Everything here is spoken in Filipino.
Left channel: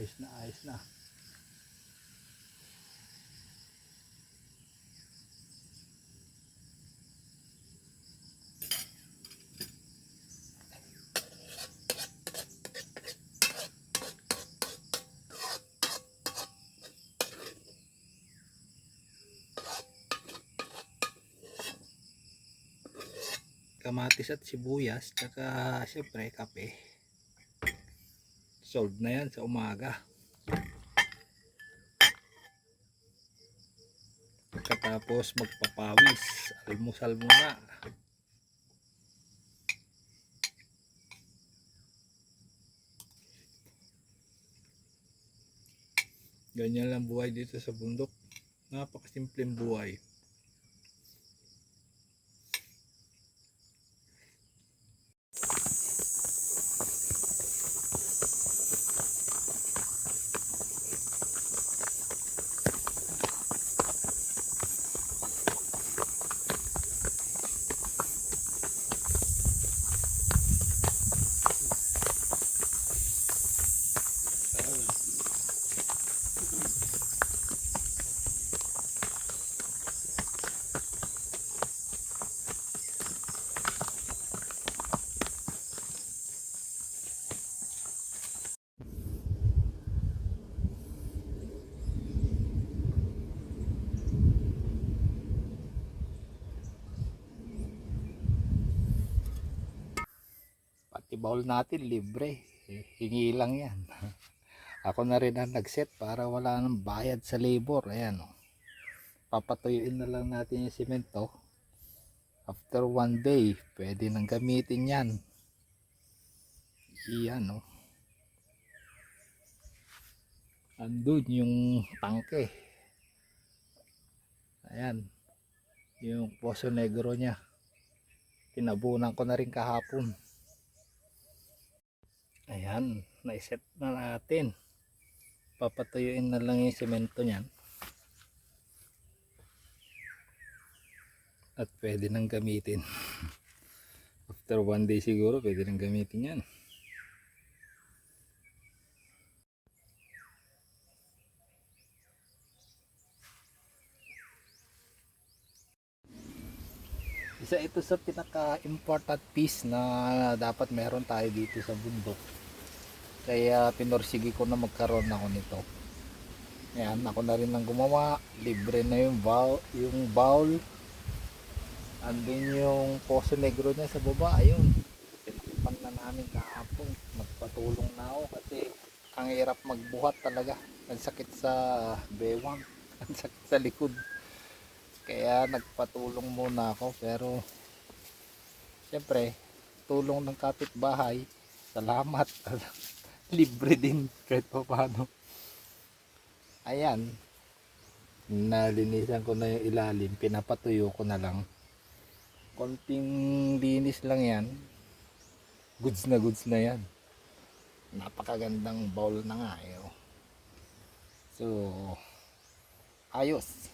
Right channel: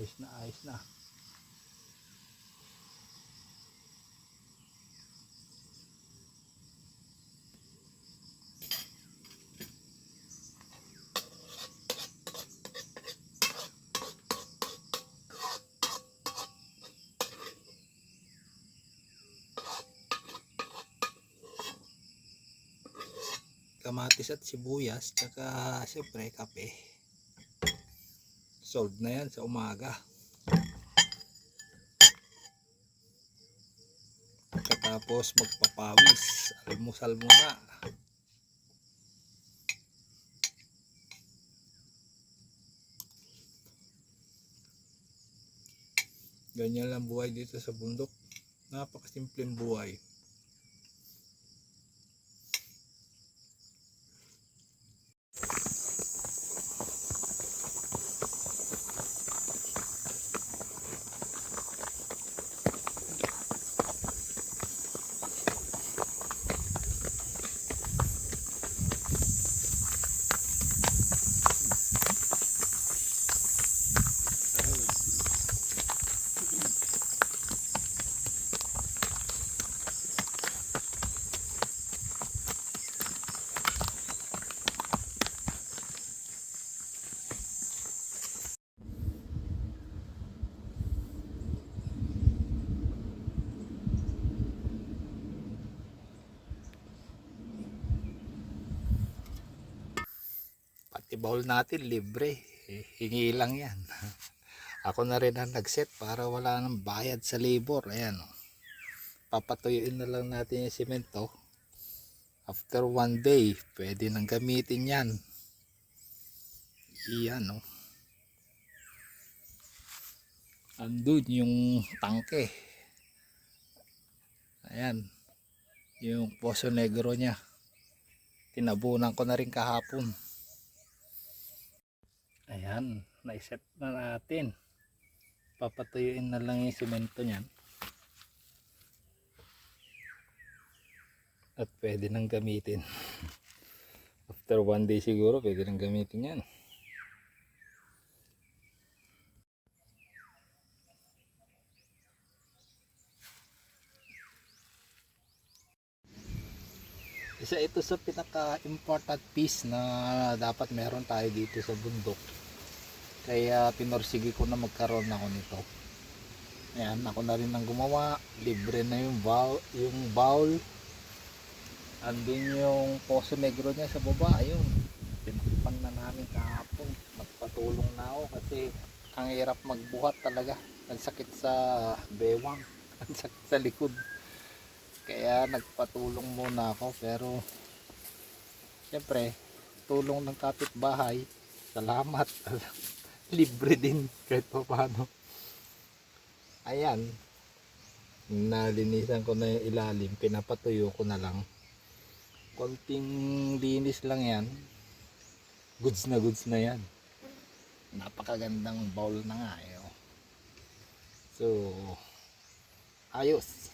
ayos na, ayos na. Kamatis at sibuyas, tsaka siyempre kape. Solved na yan sa umaga. Tapos magpapawis, almusal muna. Ganyan lang buhay dito sa bundok. Napakasimpleng buhay. Pati bowl natin libre, hingi lang yan. Ako na rin ang nagset para wala nang bayad sa labor. Ayan, oh. Papatuyuin na lang natin yung simento. After 1 day pwede nang gamitin yan. Iyan, oh. Andun yung tangke. Ayan, yung Poso Negro nya, tinabunan ko na rin kahapon. Ayan, naiset na natin. Papatuyuin na lang yung semento nyan at pwede nang gamitin. After 1 day siguro pwede nang gamitin yan. Isa ito sa pinaka-important piece na dapat meron tayo dito sa bundok. Kaya pinorsige ko na magkaroon ako nito. Ayan, ako na rin ang gumawa. Libre na yung bowl. Andun yung Poso Negro niya sa baba. Ayun, pinagpang na namin kahapon. Nagpatulong na ako kasi ang hirap magbuhat talaga. Nagsakit sa bewang, nagsakit sa likod. Kaya nagpatulong muna ako, pero siyempre tulong ng kapitbahay, salamat. Libre din kahit pa paano. Ayan, nalinisan ko na yung ilalim, pinapatuyo ko na lang. Konting linis lang yan, goods na yan. Napakagandang bowl na nga, eh. So ayos.